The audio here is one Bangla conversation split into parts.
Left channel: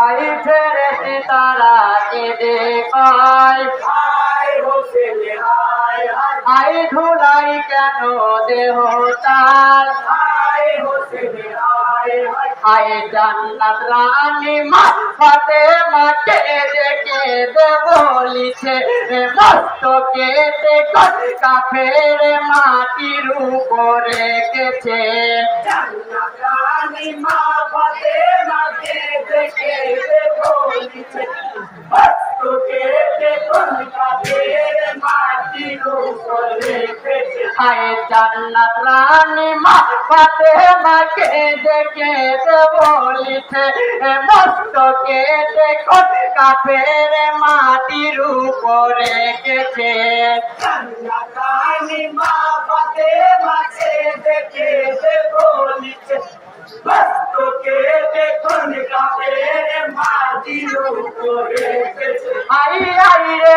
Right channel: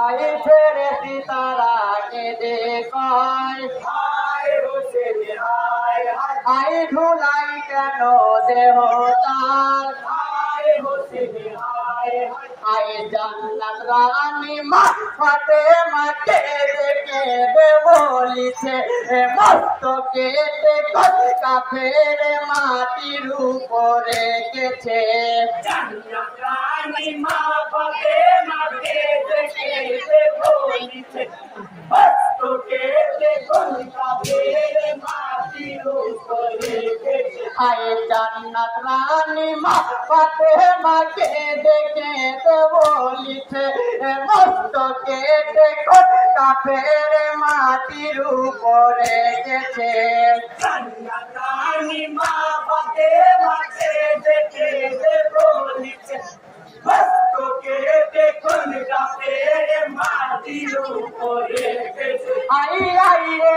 আই ফেরেতে তারা কেঁদে কয় হায় হোসেন হায় হায় ধুলাই কেন দেহ তার? হায় হোসেন হায় জান্নাত রানী মা ফাতে মাকে দেখে দে বলিছে মস্ত কেটে কাফের মাটির উপরে গেছে। জান্নাত রানী মা ফাতেমাকে রেখেছে জান্নাত রানী মা ফাতে মাকে দেখে দে বলিছে মস্ত কেটে কাফের মাটির উপরে গেছে। জান্নাত রানী মা ফাতেমাকে দেখে যে বলিছে মস্ত কেটে কোন কাফের মাটির উপর আই আই রে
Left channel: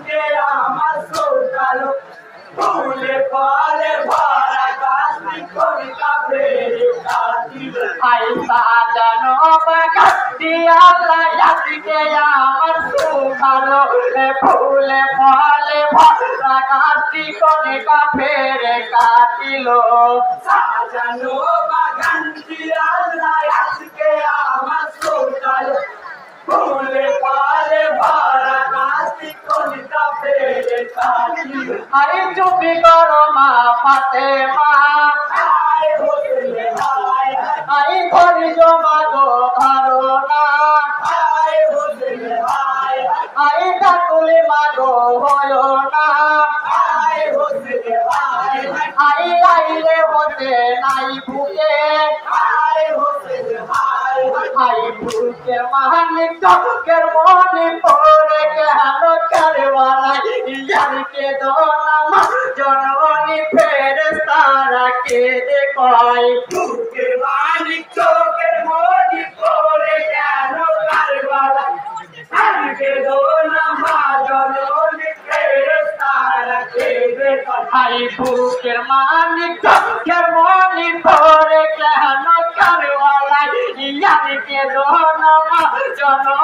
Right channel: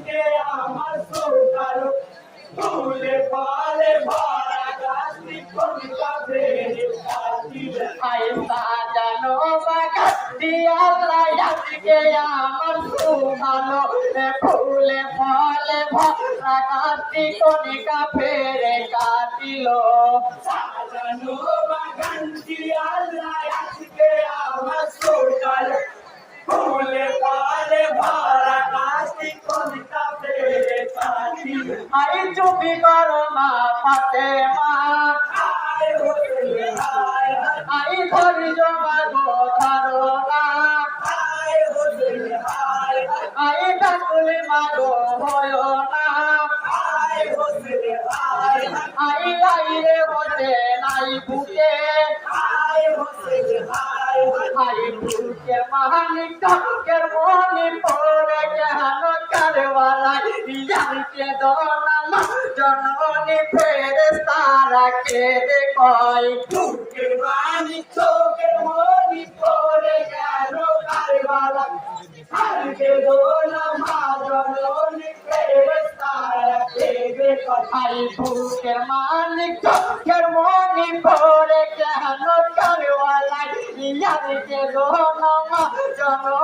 আজকে আমার সৌকালো ফুলে ফলে ভরা গাছটি কবিতা ফেরে কাটিল। আই সাজানো বাগান আল্লাহ আজকে আমার সুধালো এ ফুলে ফলে গাছি আজকে আমার সৌকালো ফুলে ফলে ভরা গাছটি কবিতা ফেরে কাটিল আরে চুপি করো মা ফাতে মা আরে ধরি জমা গো ধরো না আরে ডাকুলে মা গো হয় না। আরে আইলে হতে নাই হায়। আই বুকে মানিক চকের মনি ইয়ারকে দোনা জননী ফেরেস্তারা কে দেখয় বুকের মানিক চোখের মনি পড়ে কেন কারবালা? হারকে দোনা মা জননী ফেরেস্তারা খেবে আই বুকের মানিক চকের মনি পরে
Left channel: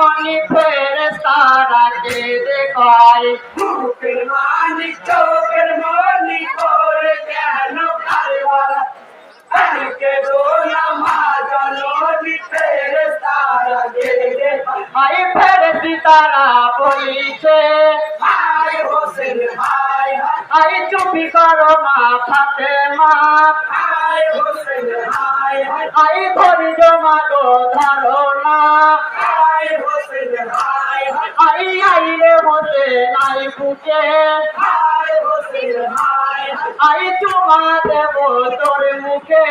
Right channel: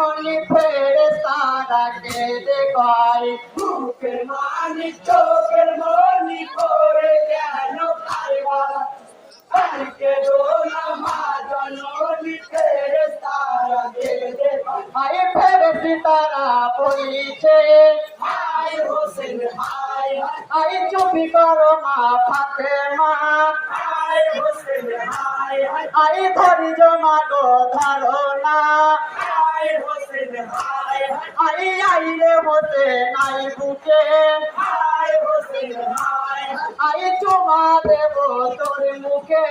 জননী ফেরেস্তারা কে দেখয় বুকের মানিক চোখের মনি পড়ে কেন কারবালা হারকে দোনা মা জননী ফেরেস্তারা খেবে আই ফেরেস্তি তারা বলিছে হায় হোসেন হায় আই চুপি করো মা ফাতে মা হায় হোসেন হায় আই ধরি জমা গো ধরো আই চুমা দেব তোর মুখে